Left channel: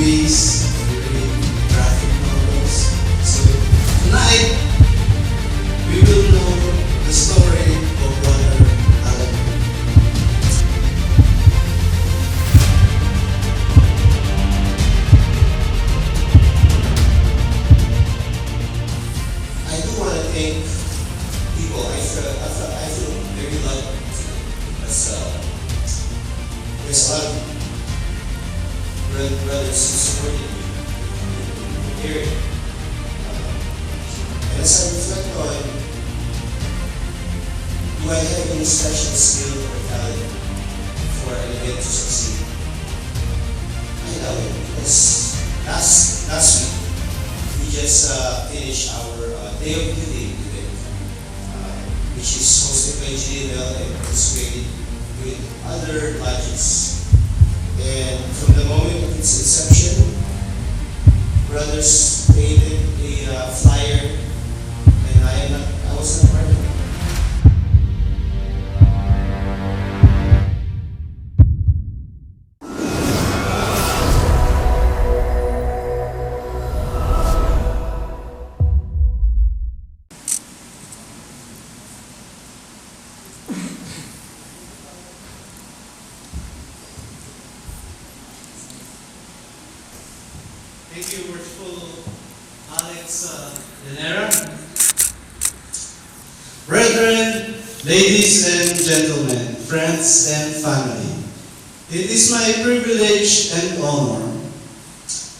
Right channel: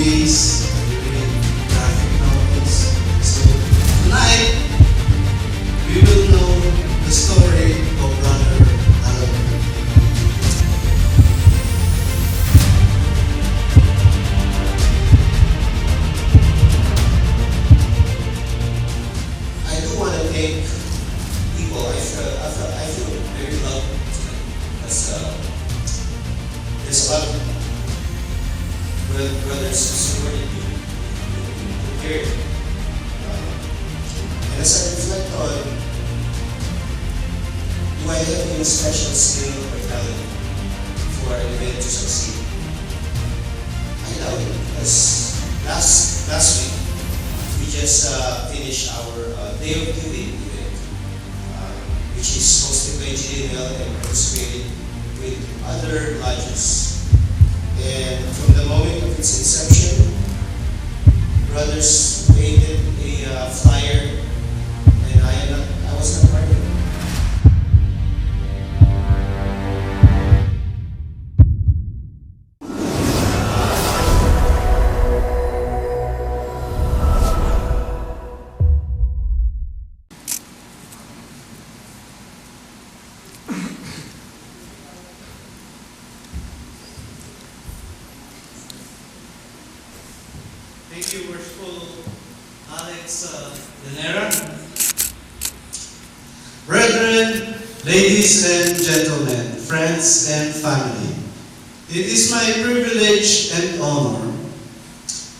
movies, we read graphic novels. So tonight, we will know the story of Brother Alan. I do want to thank people. I feel very loved as there's a lot of brothers who supported me here. And as I reflect on, do I have any special skill or talent for an event to succeed? I know it because last week we just finished our Day of Giving event, which is hosted by GDML and participated with other lodges. And from the moment of its inception, brothers created a flyer, and I was not part of it. Thank you, Worshipful Alex Lanera. Brethren, ladies and gentlemen, friends and family, it is my privilege and honor,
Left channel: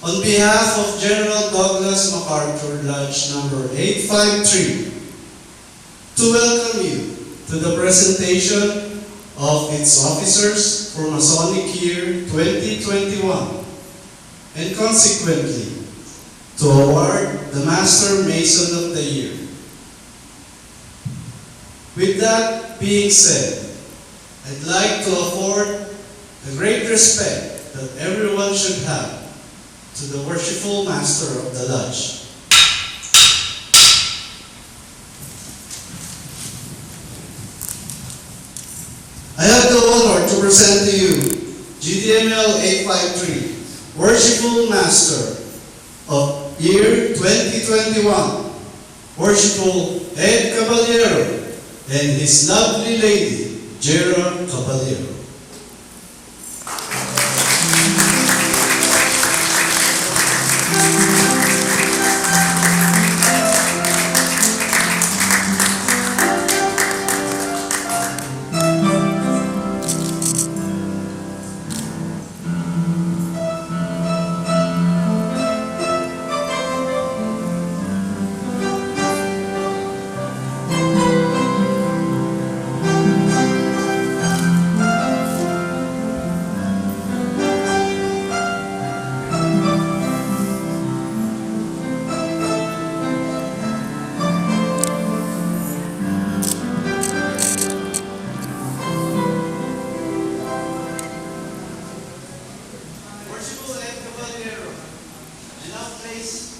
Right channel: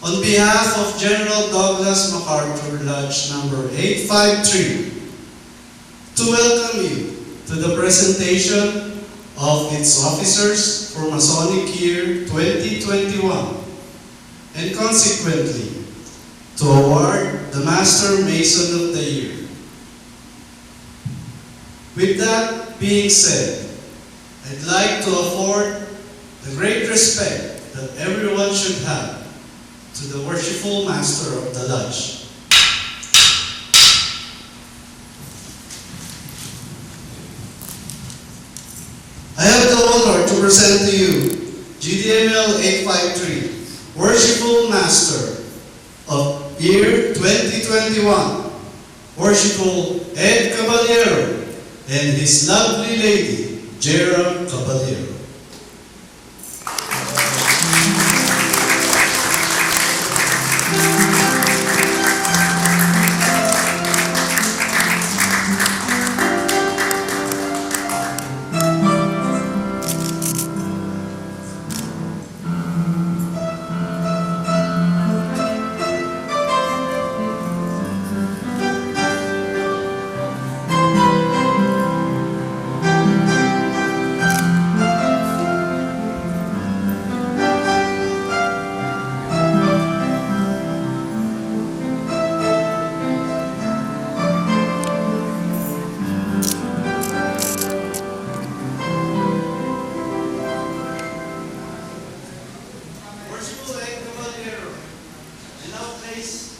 on behalf of General Douglas MacArthur Lodge number 853, to welcome you to the presentation of its officers for Masonic Year 2021. And consequently, to award the Master Mason of the Year. With that being said, I'd like to afford the great respect that everyone should have to the worshipful Master of the Lodge. I have the honor to present to you GDML 853, Worshipful Master of Year 2021, Worshipful Ed Caballero and his lovely lady, Jera Caballero.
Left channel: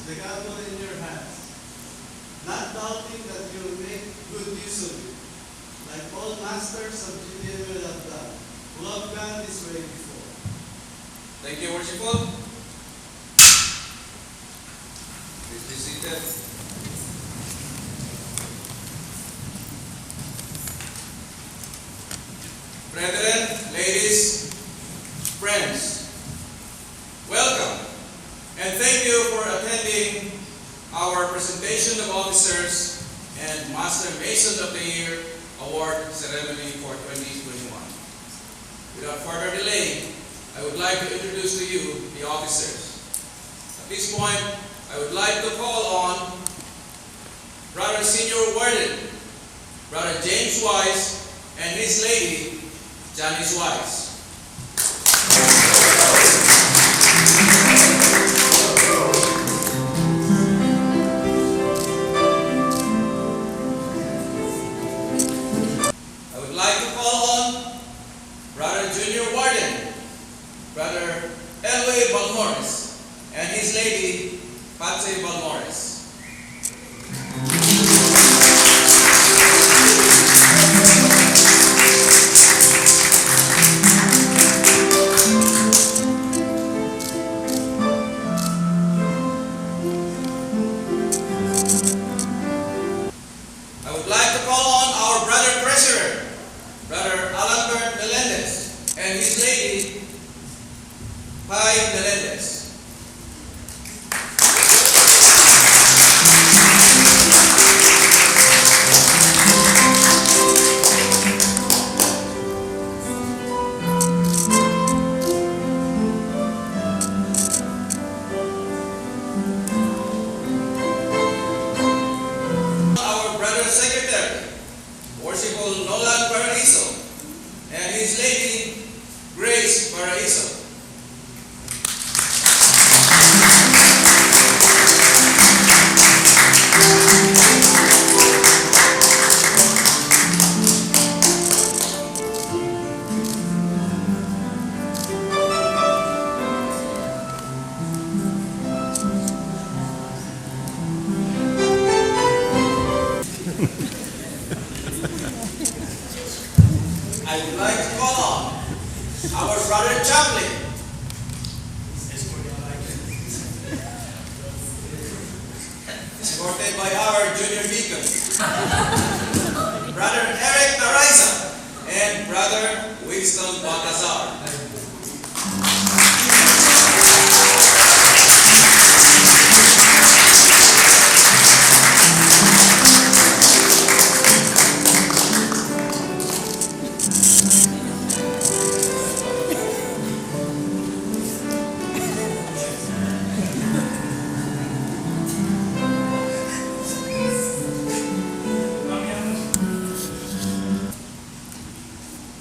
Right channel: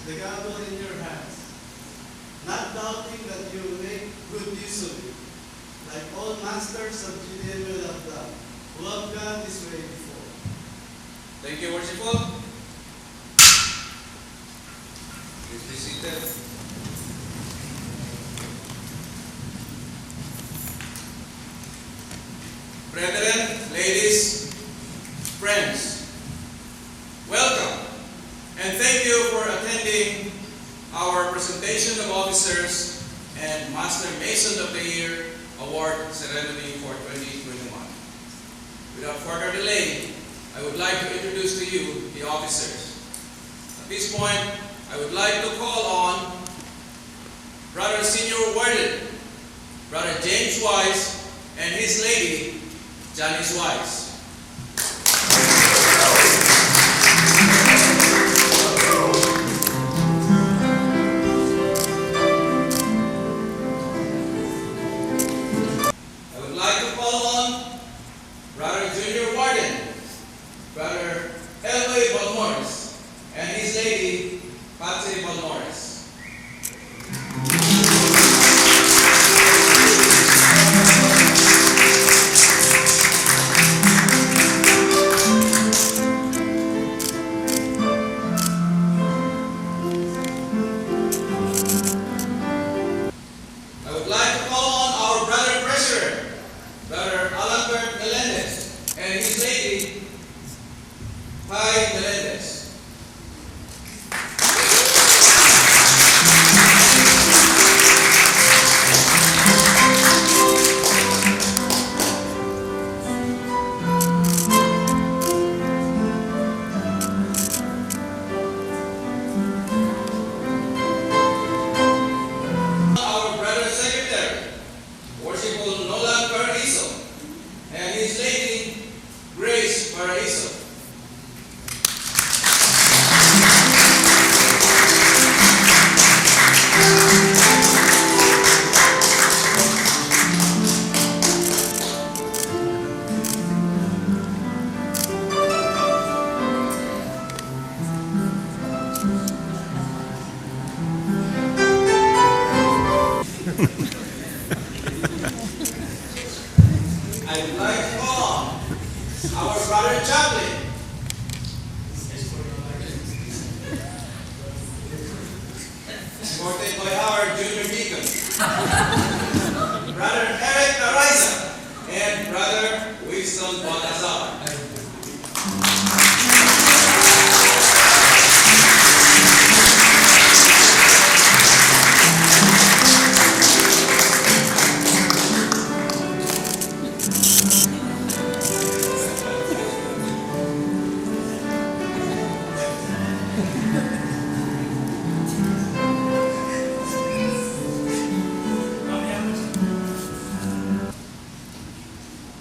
The gavel in your hands, not doubting that you will make good use of it, like all masters of GDML have done, who have gone this way before. Thank you, Worshipful. Please be seated. Brethren, ladies, friends, welcome. And thank you for attending our presentation of officers and Master Mason of the Year award ceremony for 2021. Without further delay, I would like to introduce to you the officers. At this point, I would like to call on Brother Senior Warden, Brother James Wise, and his lady, Janice Wise. And his lady, Patsy Balmores. Brother Eric Naraiza, and Brother Winston Balcazar.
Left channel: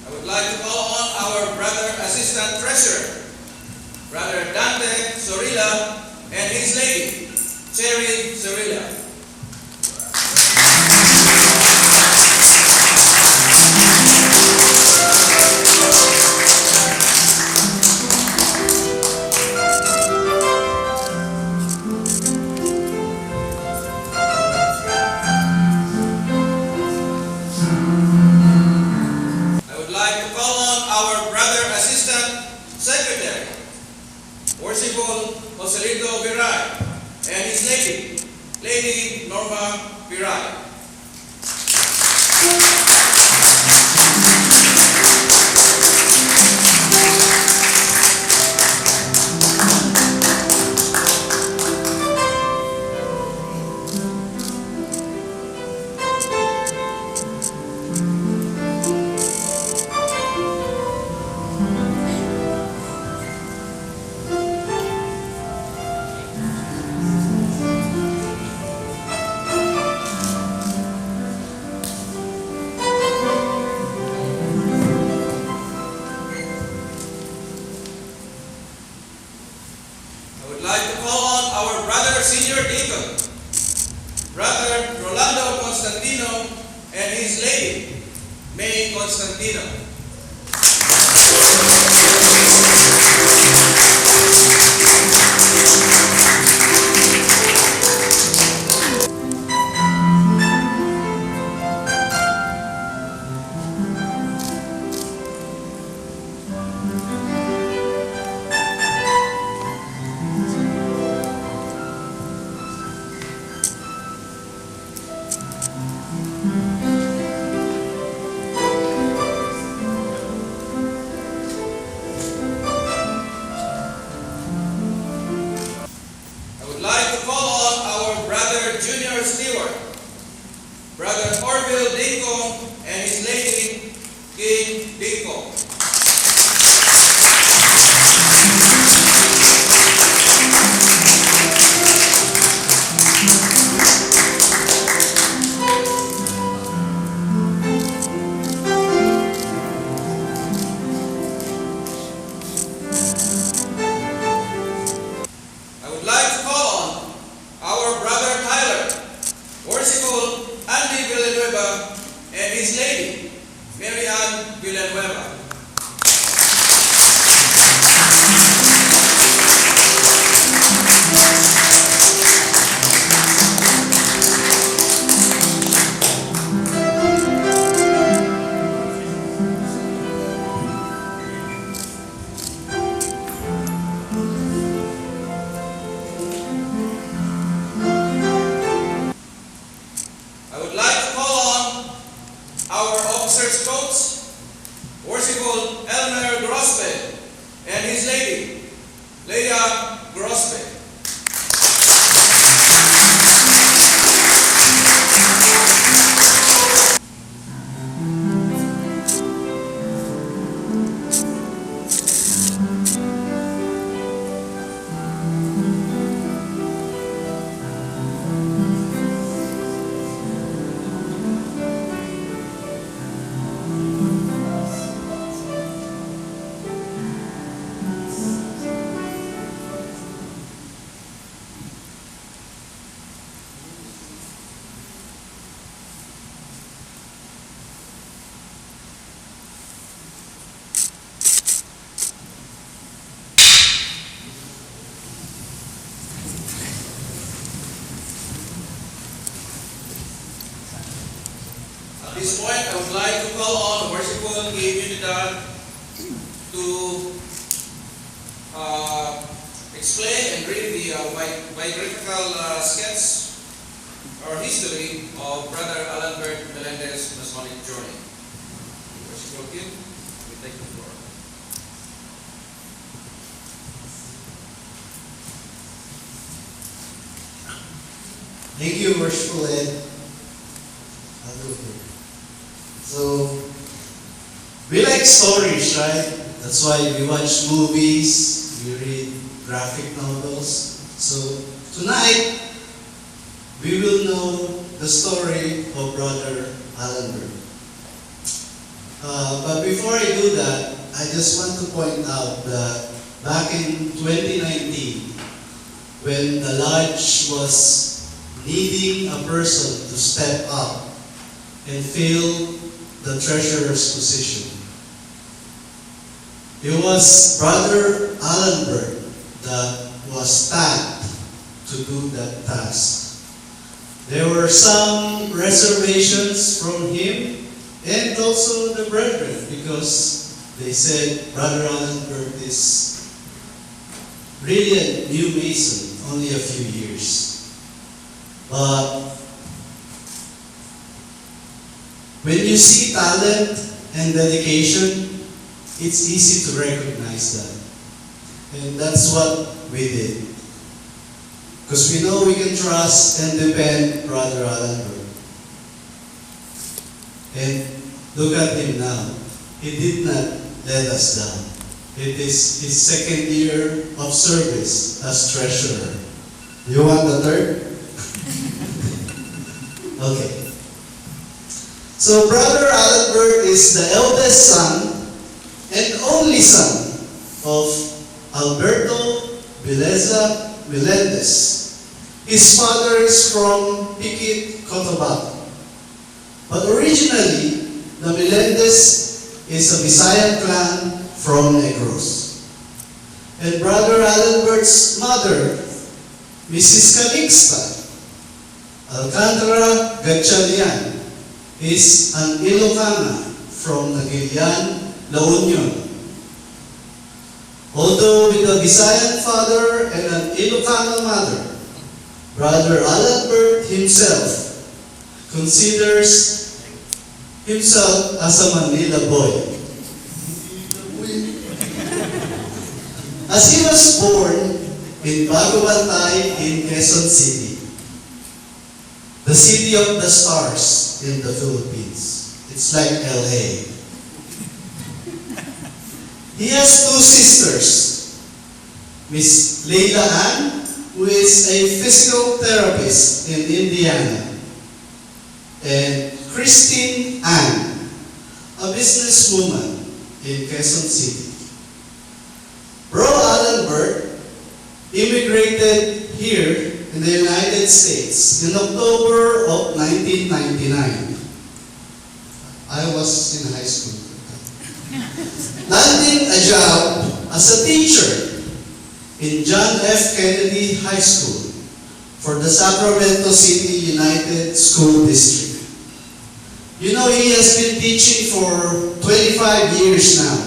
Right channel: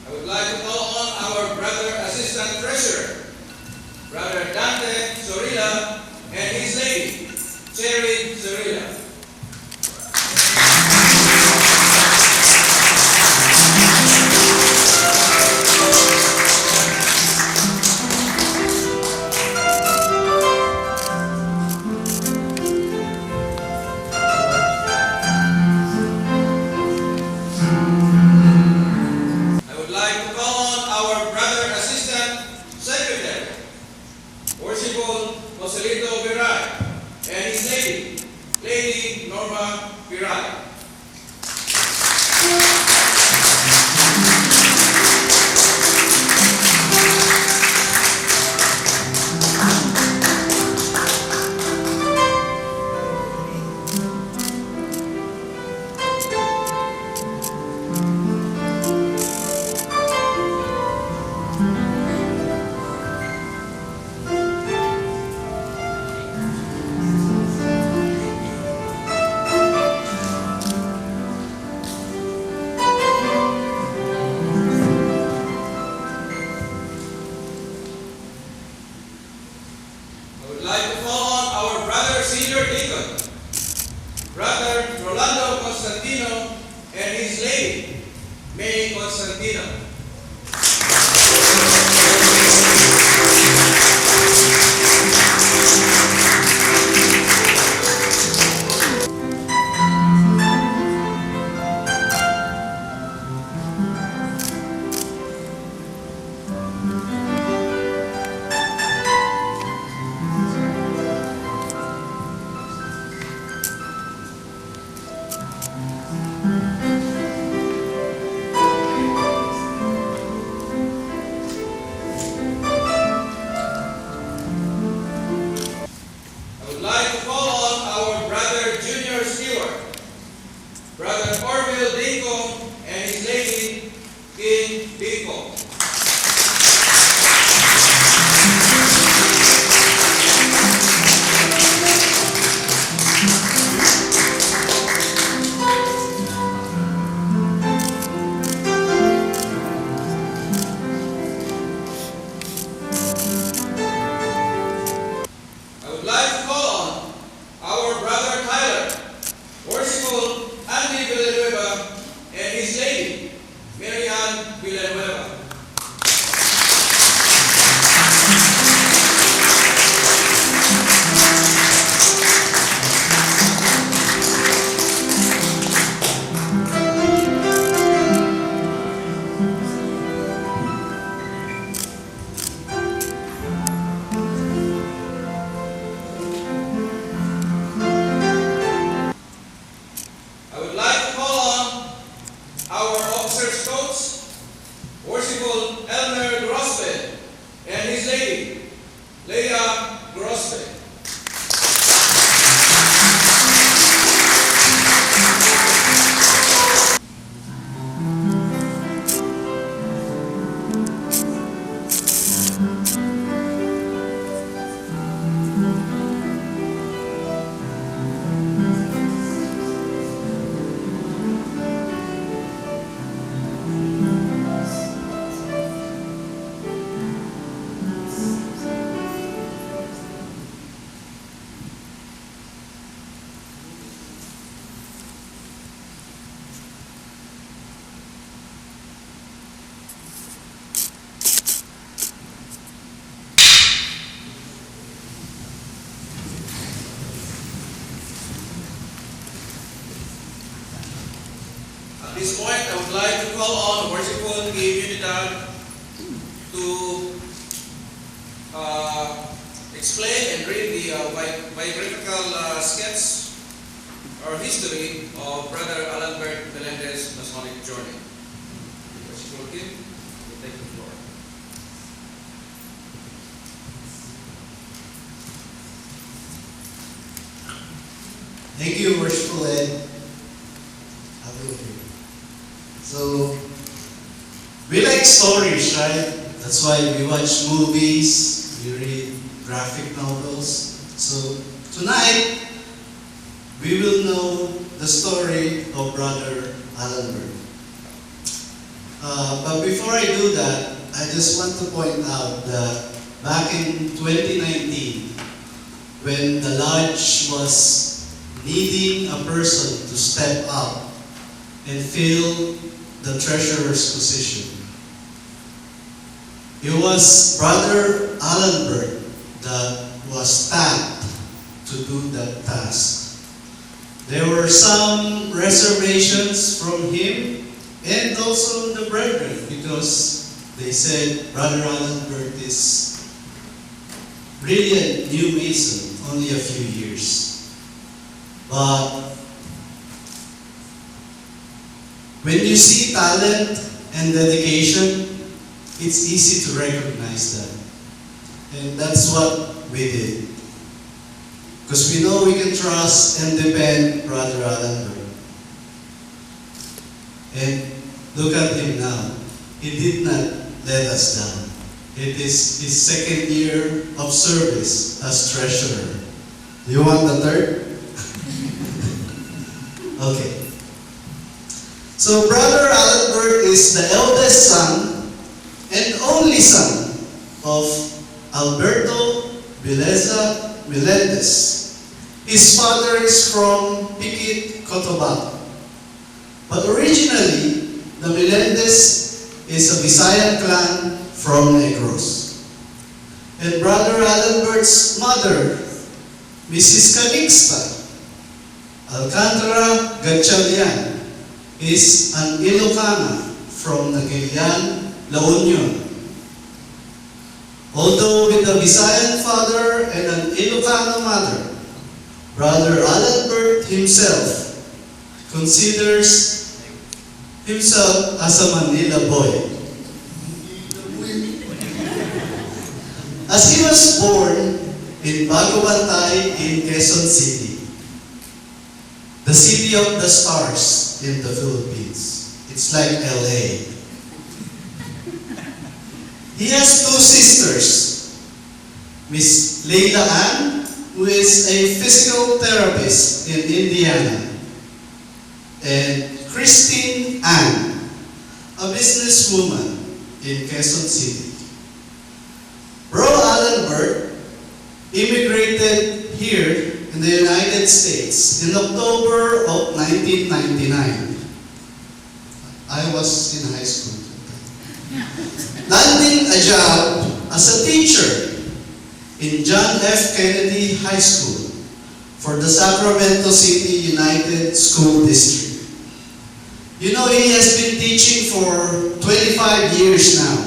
I would like to call on our Brother Assistant Treasurer, Brother Dante Sorilla, and his lady, Cherry Sorilla. I would like to call on our Brother Assistant Secretary, Worshipful Joselito Viray, and his lady, Lady Norma Viray. I would like to call on our Brother Senior Deacon, Brother Rolando Constantino, and his lady, May Constantino. I would like to call on our Brother Junior Stewart, Brother Orville Dinko, and his lady, King Dinko. I would like to call on our Brother Tyler, Worshipful Andy Villanueva, and his lady, Mary Ann Villanueva. I would like to call on our officers' coach, Worshipful Elmer Grosbe, and his lady, Leah Grosbe. At this point, I would like to call on Worshipful Unidad to explain and read the biographical sketch our history of Brother Albert Melendez Masonic journey. Worshipful Kim, you take the floor. Thank you, Worshipful Ed. I'll go here. So, we like stories, right? That's why we watch movies, we read graphic novels. So, tonight, we will know the story of Brother Albert. But before I do that, I just want to point out that back in 2019, when the lodge was needing a person to step up and fill the treasurer's position, it was Brother Albert that was tasked to do that task. There were some reservations from him and also the brethren, because they said Brother Albert is really a new Mason, only a few years. But when you see talent and dedication, it's easy to recognize that. And that's what we did. Because we know we can trust and depend Brother Albert. And look at him now. He did not let us down. It is his second year of service as treasurer. You want the third? Okay. So Brother Albert is the eldest son and only son of Alberto Melendez. His father is from Piquet, Cotabato. But originally, the Melendez is a Visayan clan from Negros. And Brother Albert's mother, Mrs. Calixta Alcantara Gatchalian, is an Ilocana from Nagilian, La Union. Although with a Visayan father and an Ilocano mother, Brother Albert himself considers himself as a Manila boy. As he was born in Bagubantay in Quezon City, the city of the stars in the Philippines. It's like LA. He has two sisters, Miss Leila Ann, who is a physical therapist in Indiana, and Christine Ann, a businesswoman in Quezon City. Bro Albert immigrated here in the United States in October of 1999. I was in high school. Landing a job as a teacher in John F. Kennedy High School for the Sacramento City United School District. You know, he has been teaching for 25 years now.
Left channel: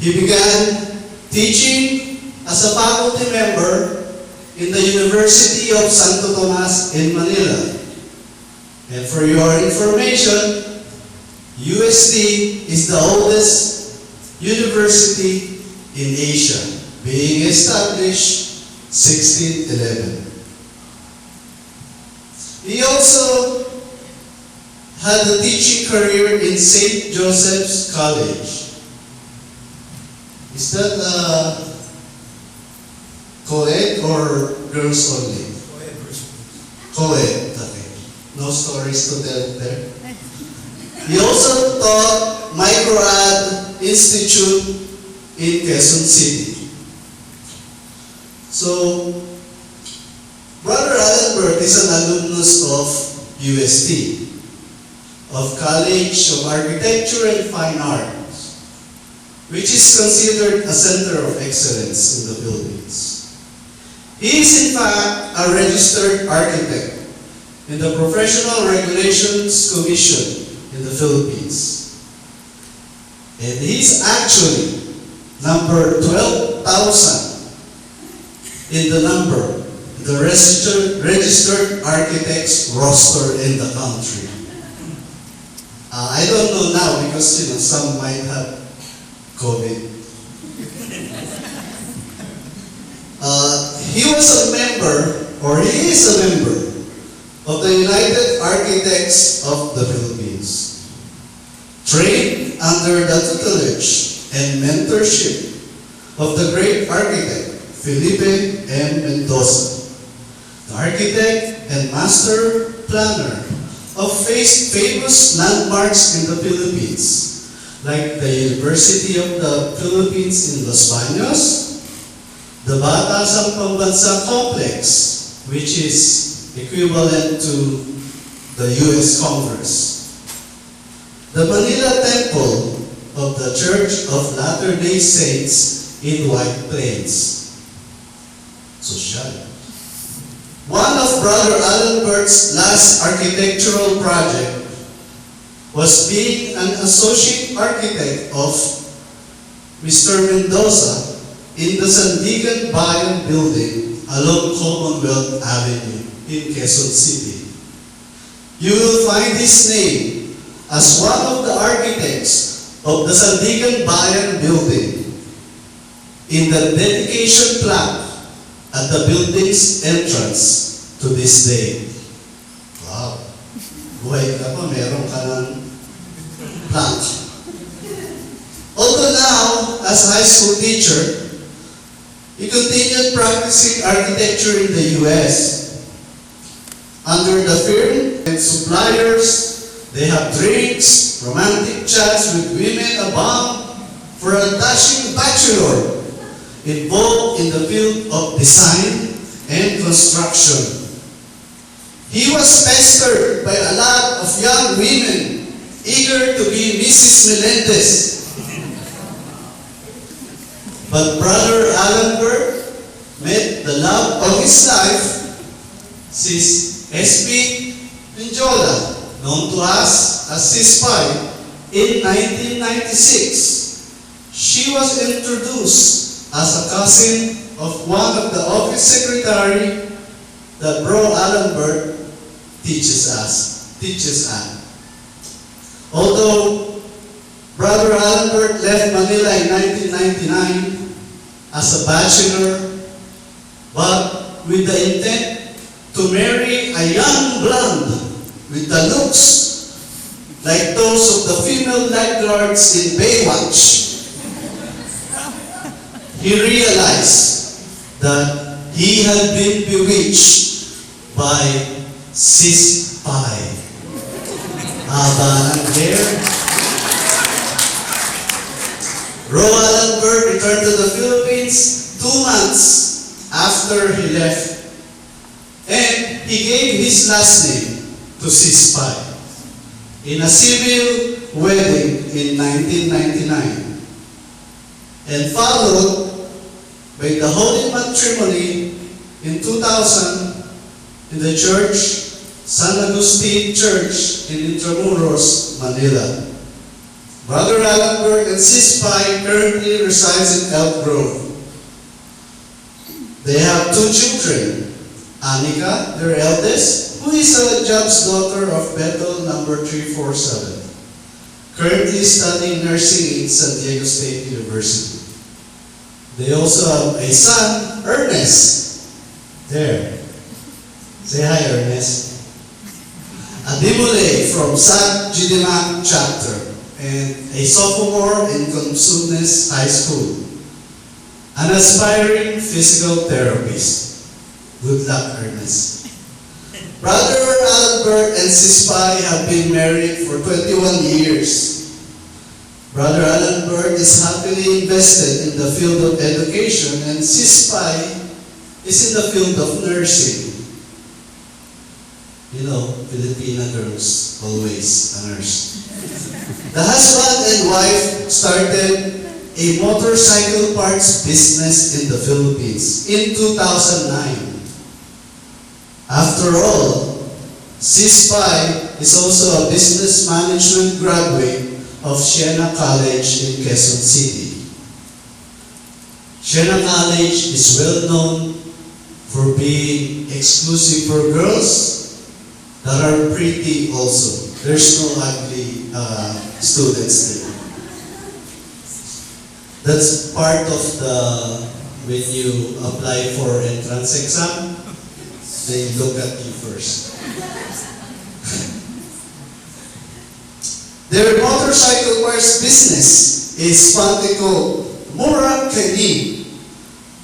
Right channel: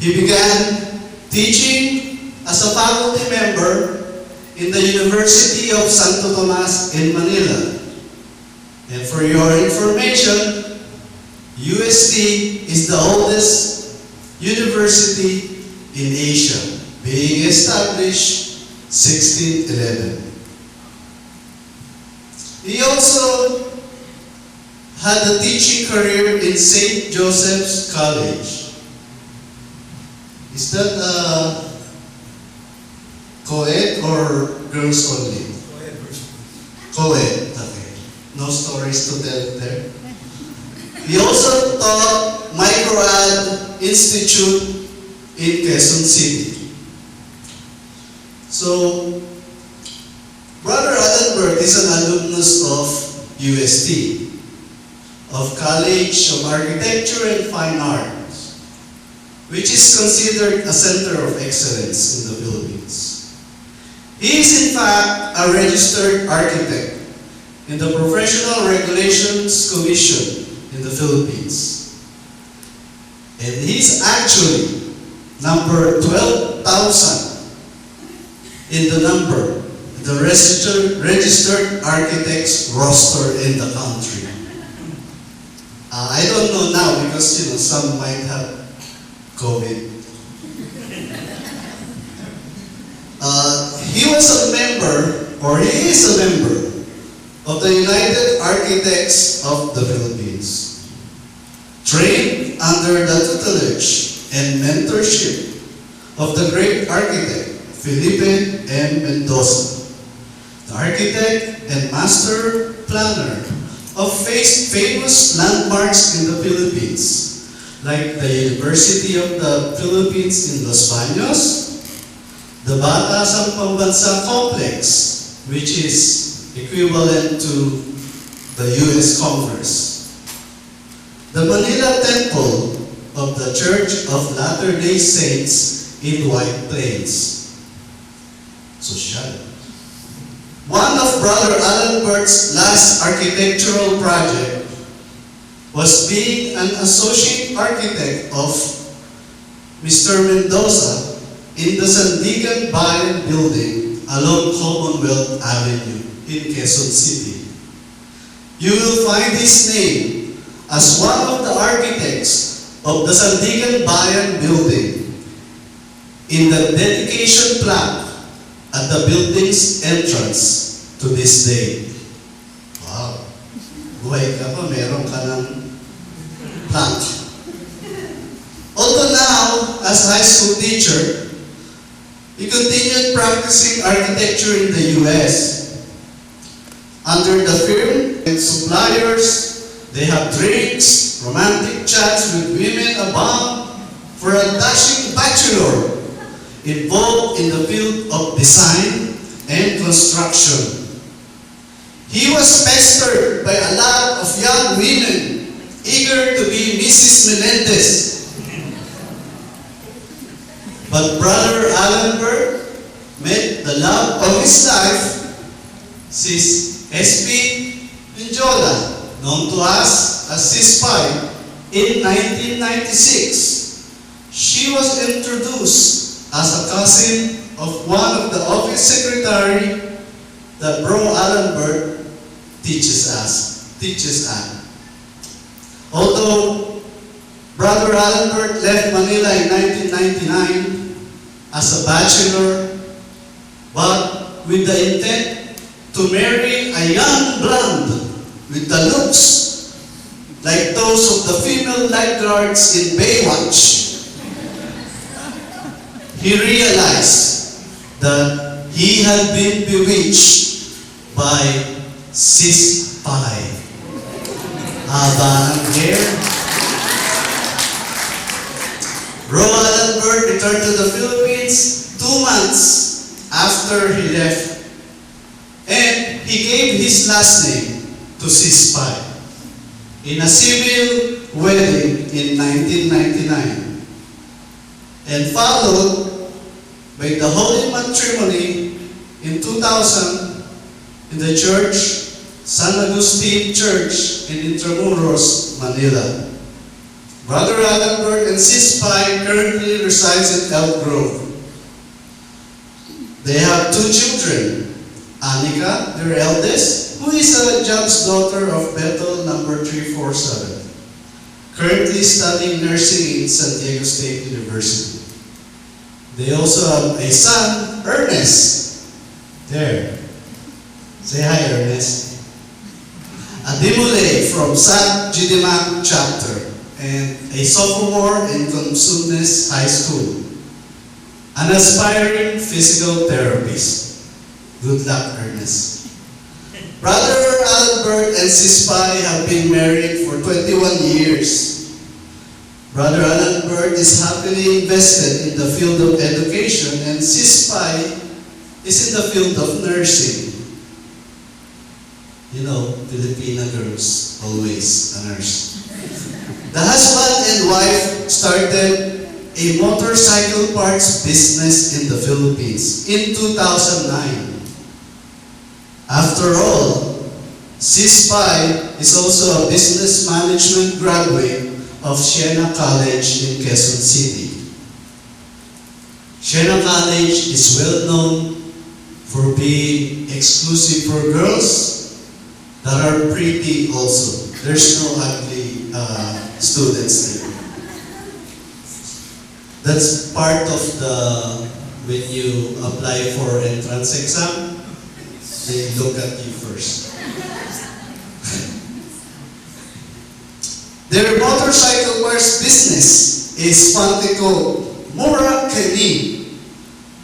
He began teaching as a faculty member in the University of Santo Tomas in Manila. And for your information, UST is the oldest university in Asia, being established 1611. He also had a teaching career in St. Joseph's College. Is that co-ed or girls only? Co-ed version. Co-ed, okay. No stories to tell there. He also taught Microad Institute in Quezon City. So, Brother Albert is an alumnus of UST, of College of Architecture and Fine Arts, which is considered a center of excellence in the Philippines. He is in fact a registered architect in the Professional Regulations Commission in the Philippines. And he's actually number 12,000 in the number the registered architects roster in the country. I don't know now because some might have COVID. He was a member, or he is a member, of the United Architects of the Philippines, trained under the tutelage and mentorship of the great architect Felipe M. Mendoza, the architect and master planner of famous landmarks in the Philippines, like the University of the Philippines in Los Baños, the Batasan Pambansa Complex, which is equivalent to the U.S. Congress, the Manila Temple of the Church of Latter-day Saints in White Plains. Social. One of Brother Alan Bert's last architectural project was being an associate architect of Mr. Mendoza in the Sandigan Bayan building along Commonwealth Avenue in Quezon City. You will find his name as one of the architects of the Sandigan Bayan building in the dedication plaque at the building's entrance to this day. Wow! Buhay ka po, meron ka ng plaque. Although now, as high school teacher, he continued practicing architecture in the U.S. Under the firm and suppliers, they have drinks, romantic chats with women abound for a dashing bachelor involved in the field of design and construction. He was pestered by a lot of young women eager to be Mrs. Melendez. But Brother Alan Bert met the love of his life, Sis S.P. Pinjola, known to us as Sis Pai, in 1996. She was introduced as a cousin of one of the office secretary that Bro Alan Bert teaches at. Although Brother Alan Bert left Manila in 1999 as a bachelor, but with the intent to marry a young blonde with the looks like those of the female lifeguards in Baywatch, he realized that he had been bewitched by Sis Pai. Haba ang hair. Alan Bert returned to the Philippines 2 months after he left, and he gave his last name to Sis Pai in a civil wedding in 1999, and followed by the holy matrimony in 2000 in the church, San Agustin Church in Intramuros, Manila. Brother Alan Bert and Sis Pai currently resides in Elk Grove. They have 2 children, Anika, their eldest, who is a judge's daughter of Bethel number 347, currently studying nursing in San Diego State University. They also have a son, Ernest. There. Say hi, Ernest. A Dimole from San GDML chapter, and a sophomore in Consumnes High School, an aspiring physical therapist. Good luck, Ernest. Brother Alan Bert and Sis Pai have been married for 21 years. Brother Alan Bert is happily invested in the field of education, and Sis Pai is in the field of nursing. You know, Filipina girls, always a nurse. The husband and wife started a motorcycle parts business in the Philippines in 2009. After all, Sis Pai is also a business management graduate of Siena College in Quezon City. Siena College is well known for being exclusive for girls that are pretty also. There's no ugly students there. That's part of when you apply for entrance exam, they look at you first. Their motorcycle parts business is Pantico Murakami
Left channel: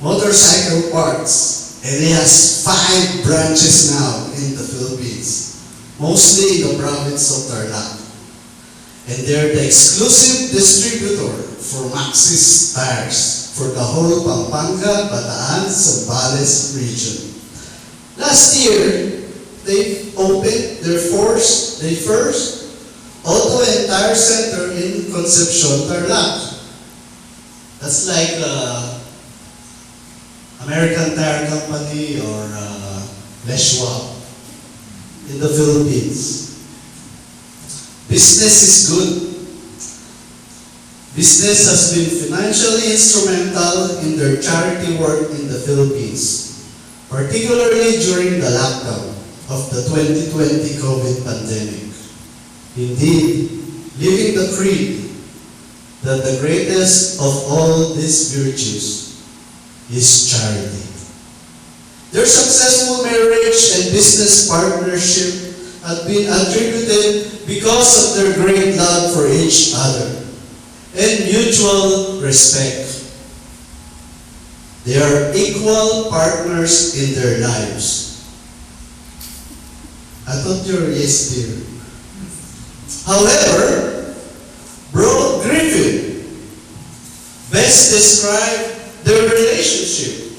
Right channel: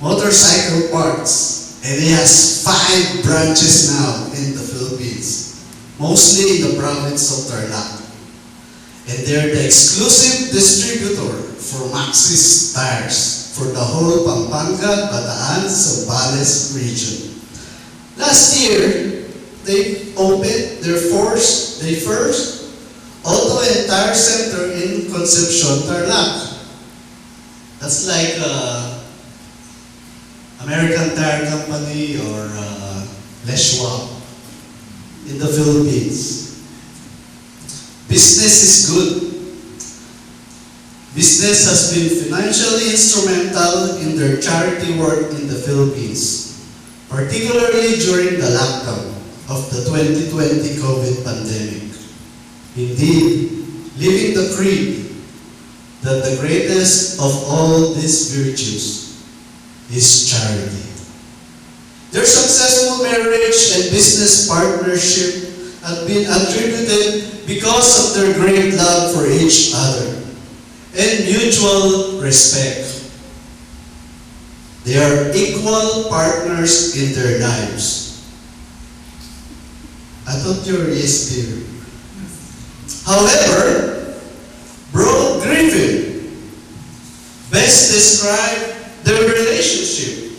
Motorcycle Parts, and it has 5 branches now in the Philippines, mostly in the province of Tarlac. And they're the exclusive distributor for Maxis tires for the whole Pampanga, Bataan, Zambales region. Last year, they opened their first auto and tire center in Concepcion, Tarlac. That's like American Tire Company or Leshwa in the Philippines. Business is good. Business has been financially instrumental in their charity work in the Philippines, particularly during the lockdown of the 2020 COVID pandemic. Indeed, living the creed that the greatest of all these virtues is charity. Their successful marriage and business partnership have been attributed because of their great love for each other and mutual respect. They are equal partners in their lives. I thought you were yes, dear. However, Bro Griffin best described their relationship.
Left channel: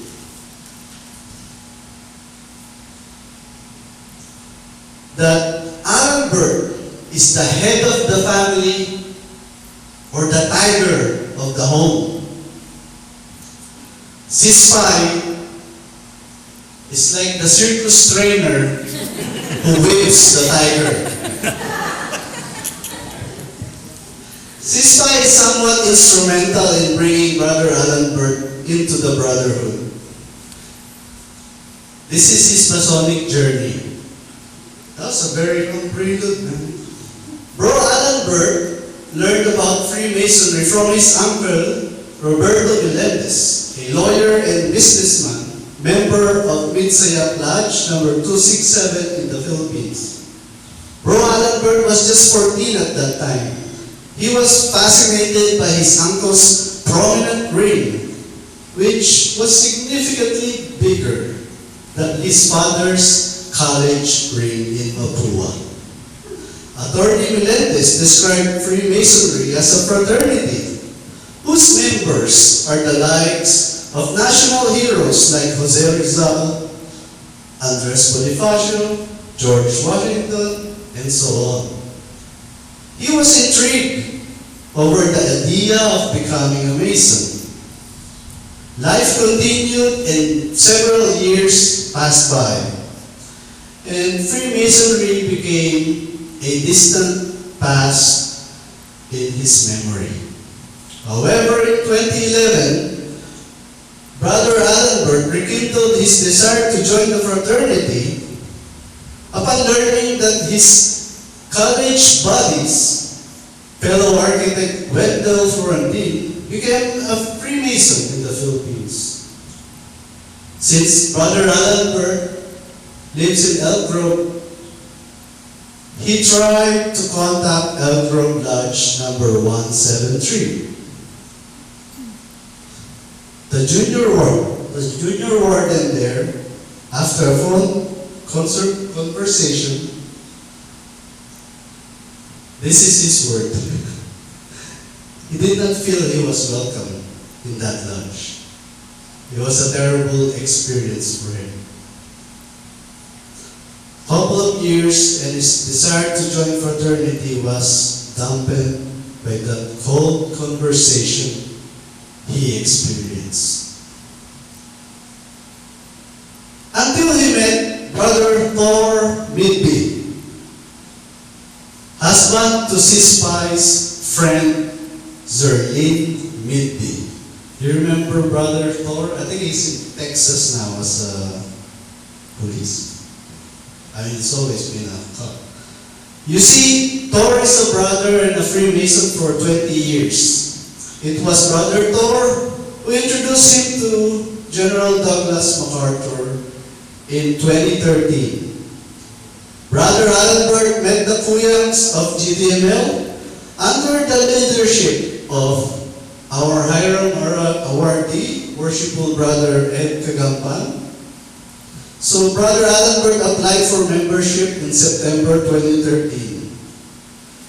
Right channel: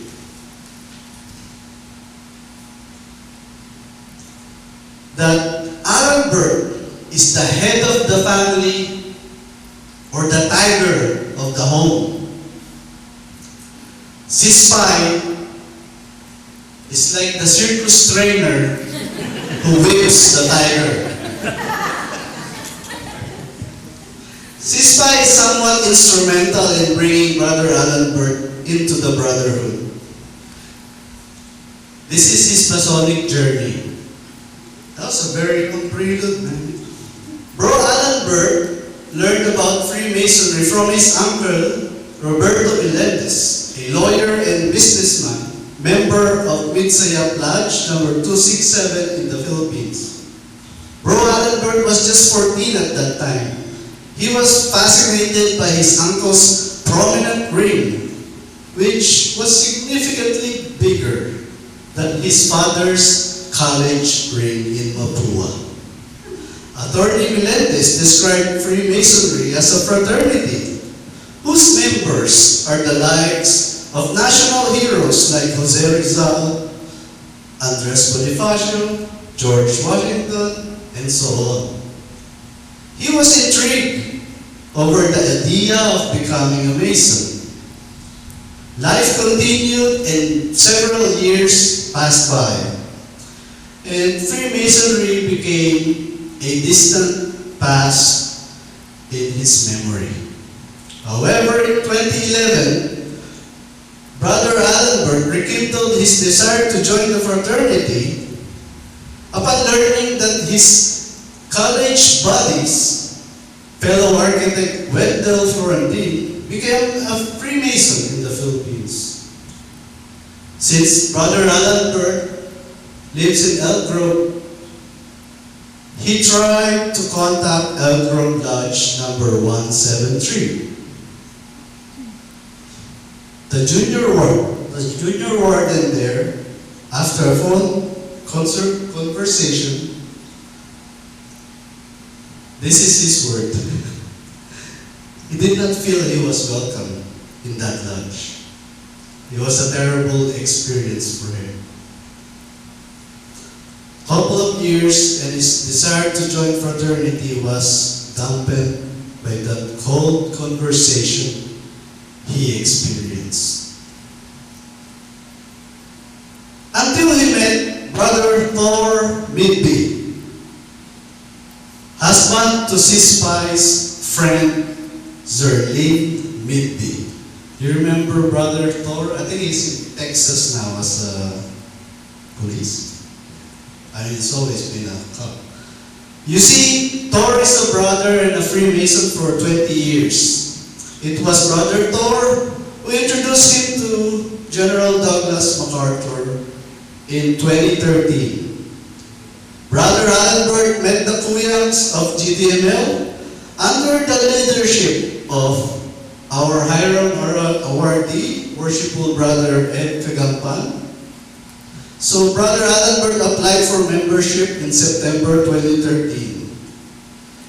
That Albert is the head of the family or the tiger of the home. Sispy is like the circus trainer who whips the tiger. Sispy is somewhat instrumental in bringing Brother Albert into the brotherhood. This is his Masonic journey. That was a very long prelude, man. Bro Albert learned about Freemasonry from his uncle, Roberto Melendez, a lawyer and businessman, member of Midsayap Lodge number 267 in the Philippines. Bro Albert was just 14 at that time. He was fascinated by his uncle's prominent ring, which was significantly bigger than his father's college ring in Papua. Attorney Melendez described Freemasonry as a fraternity whose members are the likes of national heroes like Jose Rizal, Andres Bonifacio, George Washington, and so on. He was intrigued over the idea of becoming a Mason. Life continued and several years passed by, and Freemasonry became a distant past in his memory. However, in 2011, Brother Albert rekindled his desire to join the fraternity upon learning that his college buddies, fellow architect Wendell Florentine, became a Freemason in the Philippines. Since Brother Albert lives in Elk Grove, he tried to contact Elk Grove Lodge number 173. The junior warden there, after a phone conversation, this is his word. He did not feel he was welcome in that lodge. It was a terrible experience for him. Couple of years and his desire to join fraternity was dampened by the cold conversation he experienced. Until he met Brother Thor Midby, husband to Sispy's friend Zerlene Midby. You remember Brother Thor? I think he's in Texas now as a police. I mean, it's always been a cop. You see, Tor is a brother and a Freemason for 20 years. It was Brother Tor who introduced him to General Douglas MacArthur in 2013. Brother Albert met the Kuyangs of GDML under the leadership of our Hiram awardee, Worshipful Brother Ed Kagampan. So Brother Albert applied for membership in September 2013.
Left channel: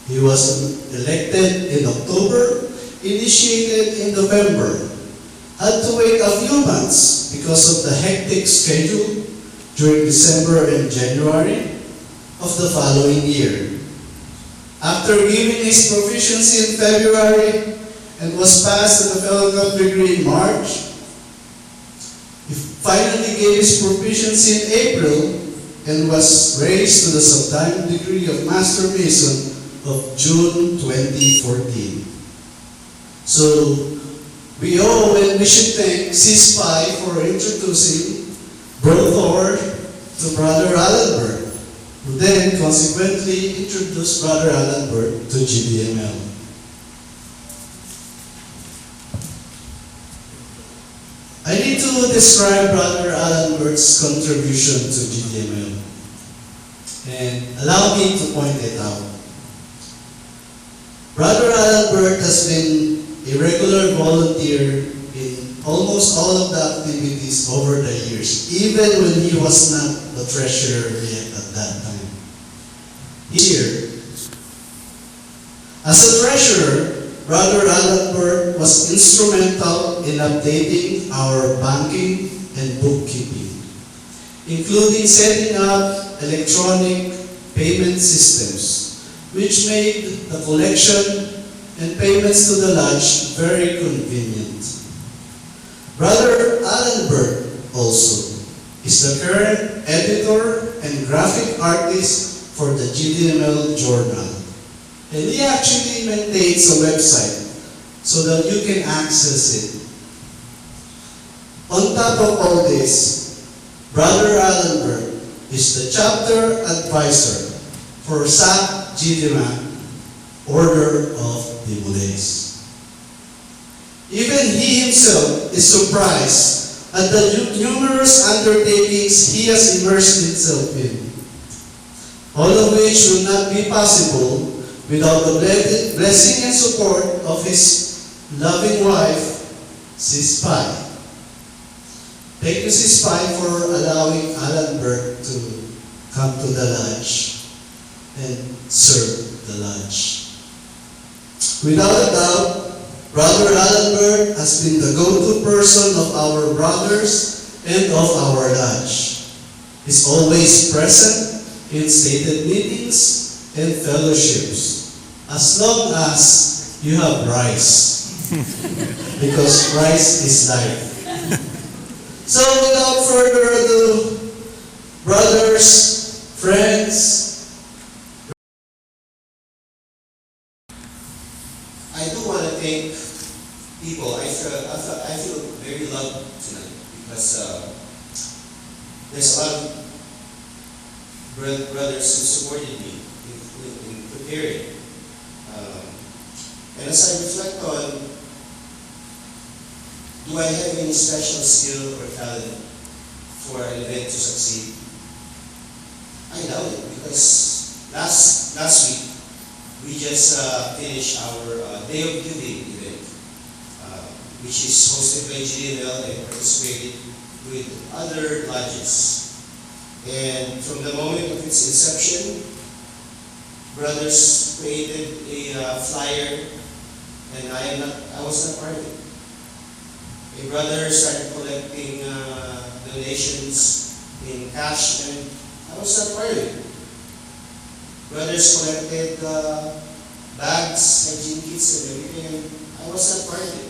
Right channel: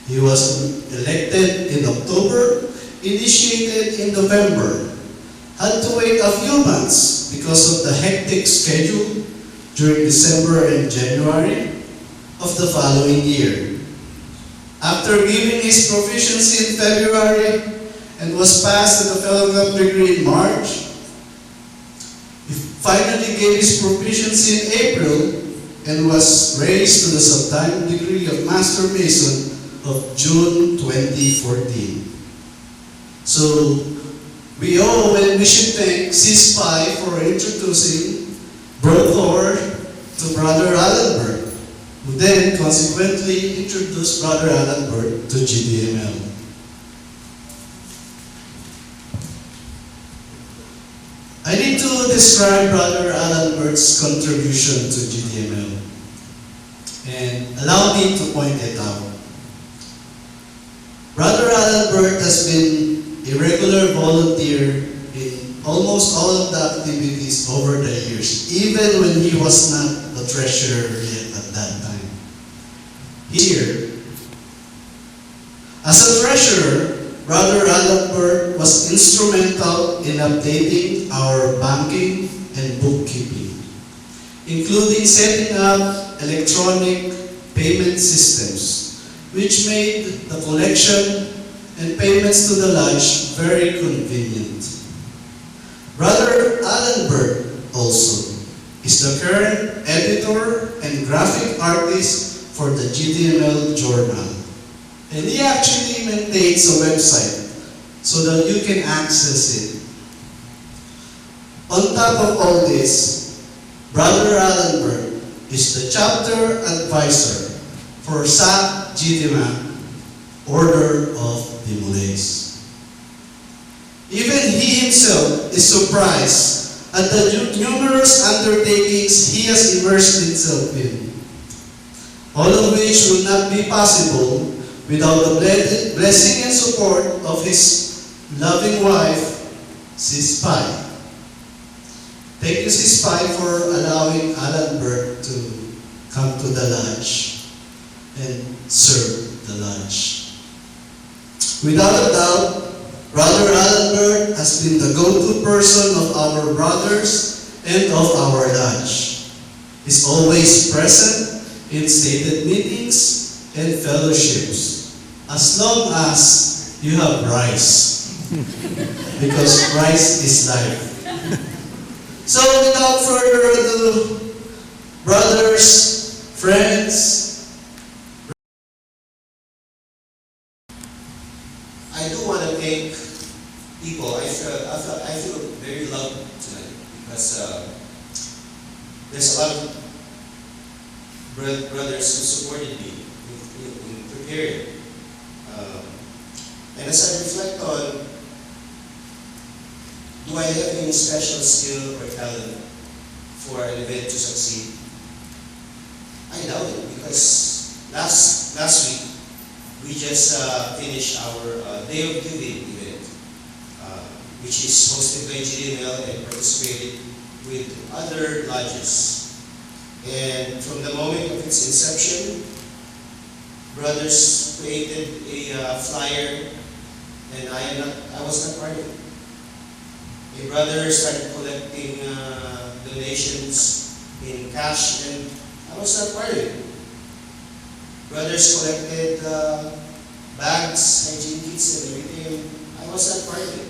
He was elected in October, initiated in November, had to wait a few months because of the hectic schedule during December and January of the following year. After giving his proficiency in February and was passed to the fellowship degree in March, he finally gave his proficiency in April and was raised to the subdiamond degree of Master Mason of June 2014. So, we owe and we should thank CSPI for introducing Bro Thor to Brother Allenberg, who then consequently introduced Brother Allenberg to GDML. I need to describe Brother Allenberg's contribution to GDML, and allow me to point it out. Brother Allenberg has been a regular volunteer in almost all of the activities over the years, even when he was not the treasurer yet at that time. Here, as a treasurer, Brother Allenberg was instrumental in updating our banking and bookkeeping, including setting up electronic payment systems, which made the collection and payments to the lodge very convenient. Brother Allenberg also is the current editor and graphic artist for the GDML journal. And he actually maintains a website so that you can access it. On top of all this, Brother Allenberg is the chapter advisor for SAC GDML, Order of the Malays. Even he himself is surprised at the numerous undertakings he has immersed himself in, all of which would not be possible without the blessing and support of his loving wife, Sis Pai. Thank you, Sis Pai, for allowing Allenberg to come to the lodge and serve the lodge. Without a doubt, Brother Allenberg has been the go-to person of our brothers and of our lodge. He's always present in stated meetings and fellowships, as long as you have rice, because rice is life. So without further ado, brothers, friends, I do want to thank people. I feel very loved tonight because there's a lot of brothers who supported me in preparing. And as I reflect on, do I have any special skill or talent for an event to succeed? I doubt it, because last week we just finished our Day of Giving event, which is hosted by GDML and participated with other lodges. And from the moment of its inception, brothers created a flyer, and I was not part of it. A brother started collecting donations in cash, and I was not part of it. Brothers collected bags, hygiene kits, and everything, and I was not part of it.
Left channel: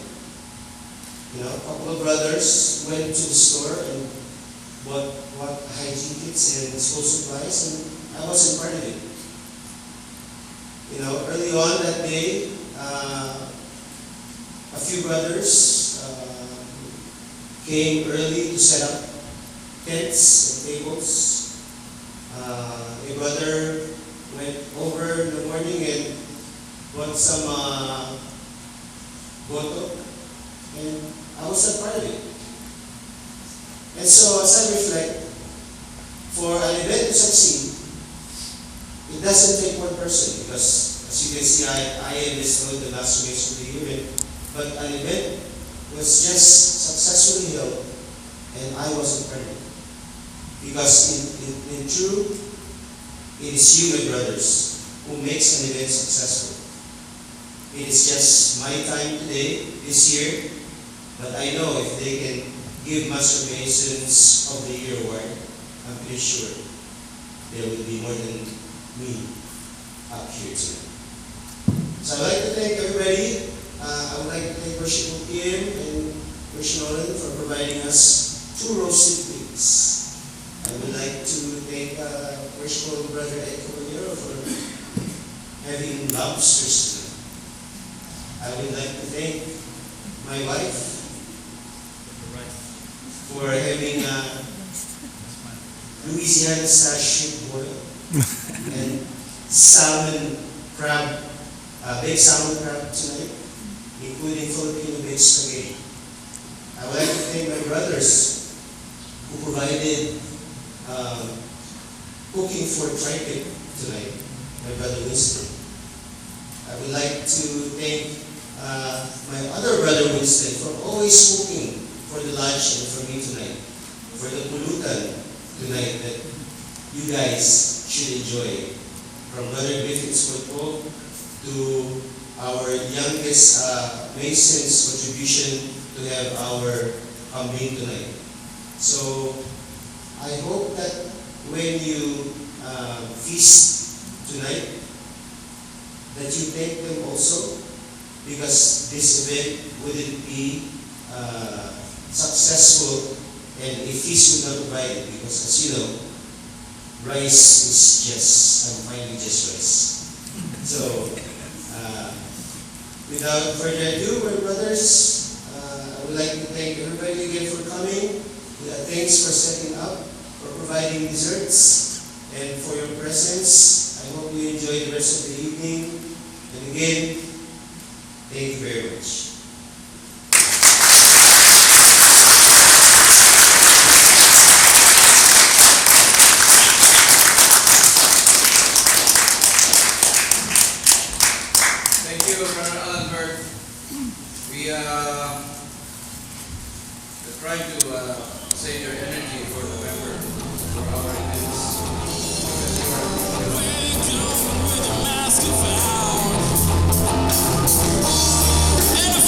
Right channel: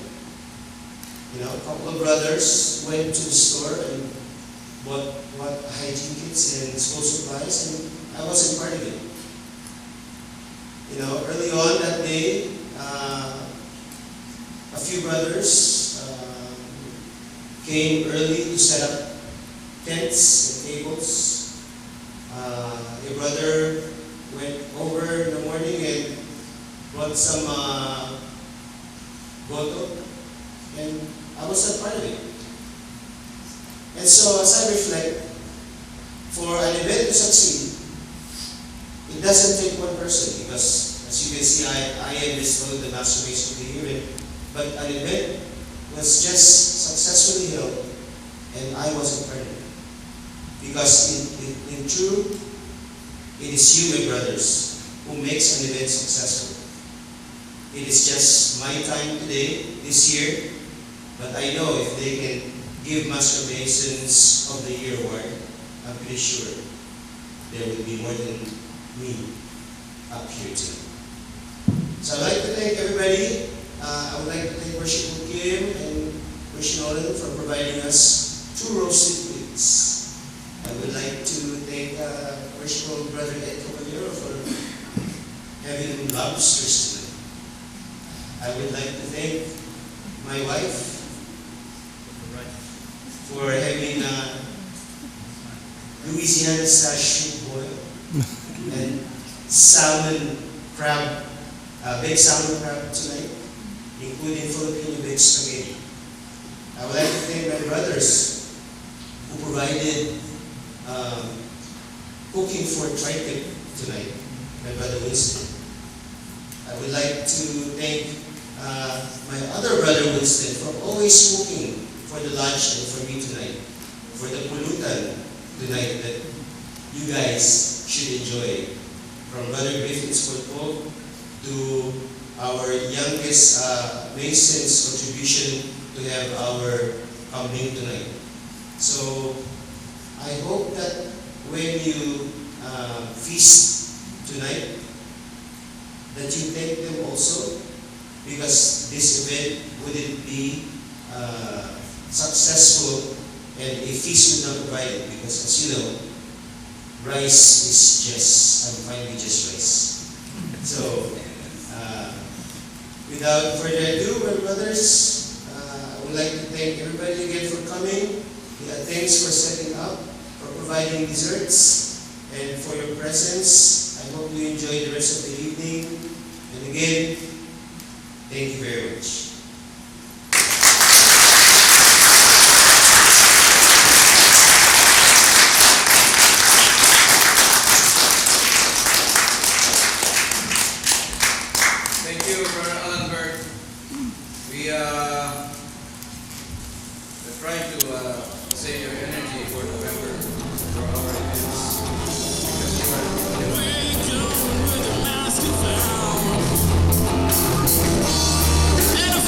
You know, a couple of brothers went to the store and bought hygiene kits and school supplies, and I wasn't part of it. You know, early on that day, a few brothers came early to set up tents and tables. A brother went over in the morning and brought some goto, and I was a part of it. And so as I reflect, for an event to succeed, it doesn't take one person, because as you can see, I am bestowed the Master Mason of the Year, but an event was just successfully held, and I wasn't part of it. Because in truth, it is you, my brothers, who makes an event successful. It is just my time today, this year, but I know if they can give Master Masons of the Year award, I'm pretty sure there will be more than me up here too. So I'd like to thank everybody. I would like to thank Worship Kim and Worship Nolan for providing us 2 roasted pigs. I would like to thank Worshipful Brother Ed Caballero for having lobsters tonight. I would like to thank my wife for having Louisiana style boil and salmon crab, baked salmon crab tonight, including Filipino baked spaghetti. I would like to thank my brothers who provided cooking for tri-tip tonight, my brother Winston. I would like to thank my other brother Winston for always cooking for the lunch and for me tonight, for the pulutan tonight that you guys should enjoy. From Brother Griffith's football to our youngest Mason's contribution to have our meal tonight. So I hope that when you feast tonight, that you thank them also, because this event wouldn't be successful and a feast would not provide it, because as you know, rice is just, I'm fine with just rice. So, without further ado, my brothers, I would like to thank everybody again for coming. Thanks for setting up, for providing desserts, and for your presence. I hope you enjoy the rest of the evening. And again, thank you very much. Thank you, Brother Allenberg. We are trying to save your energy for November for our events. Because you are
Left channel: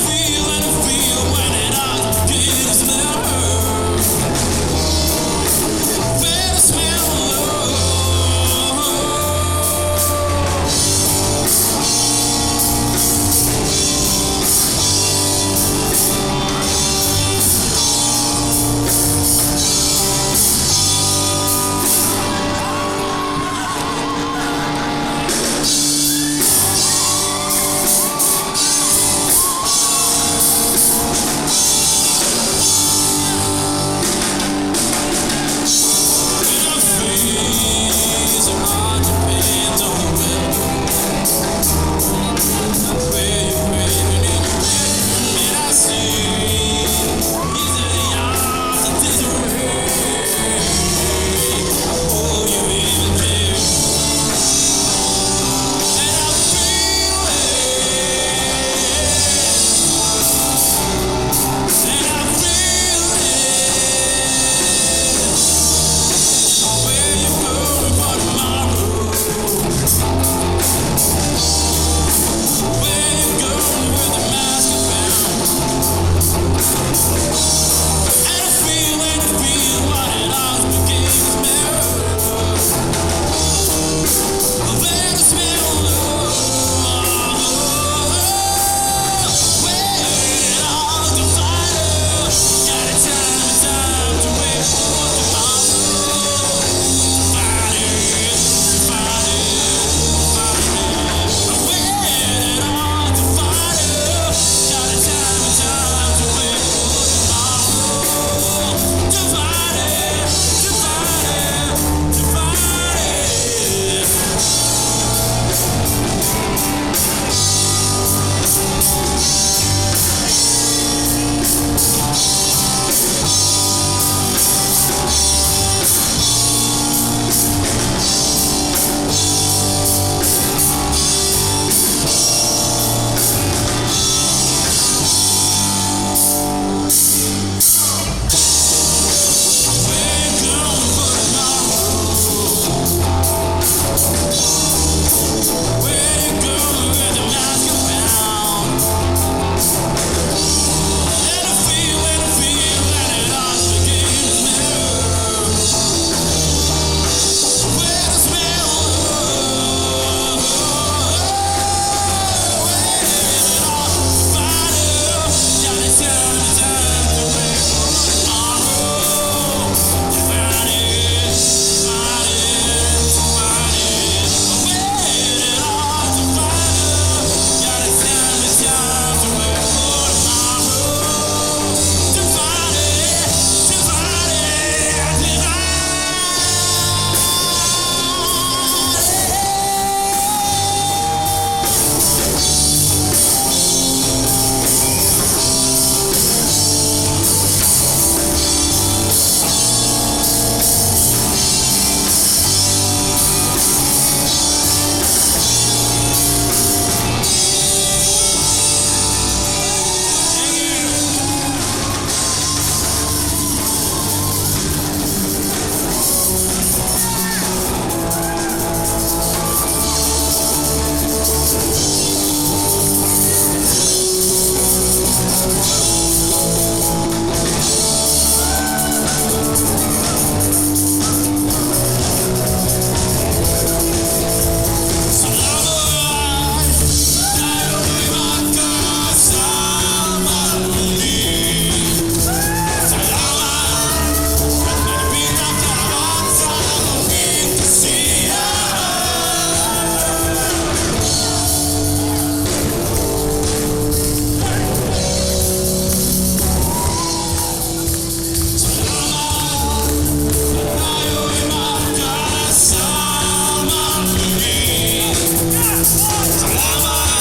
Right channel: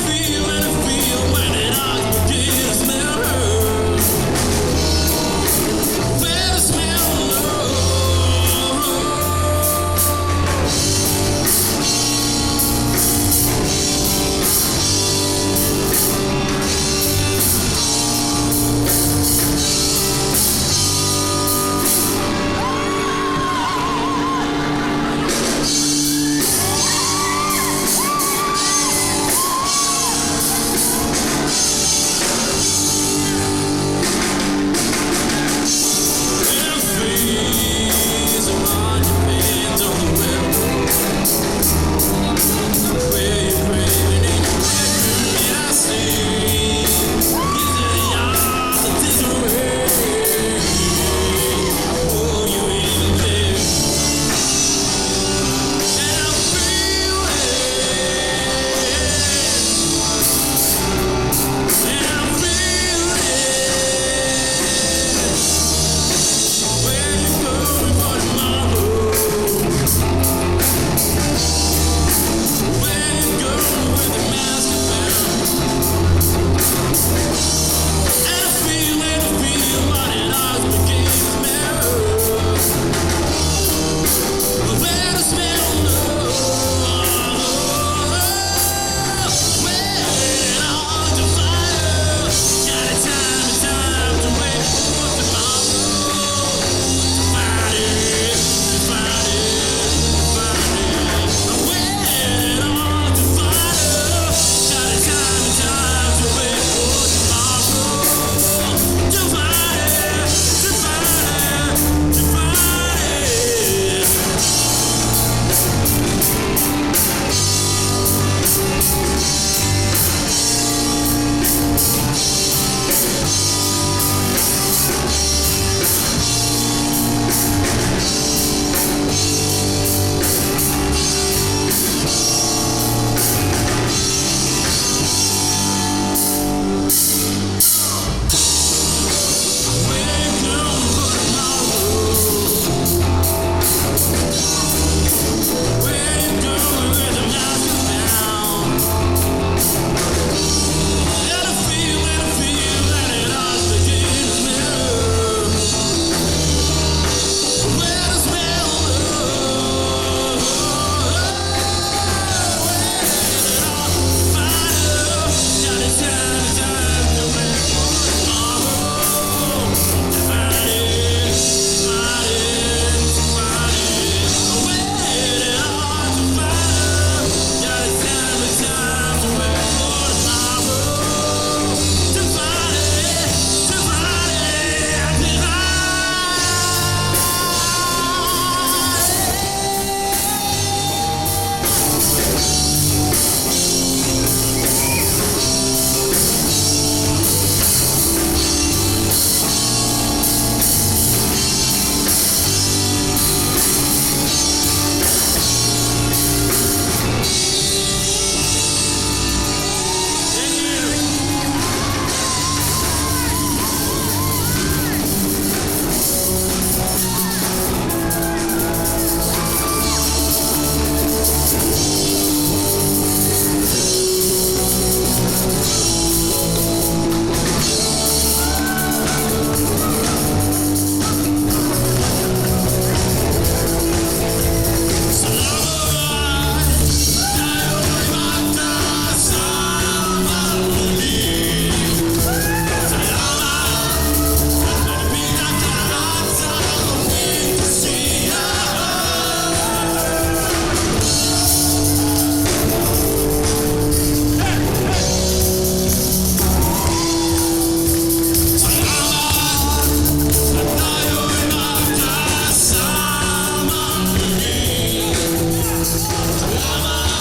Salamat!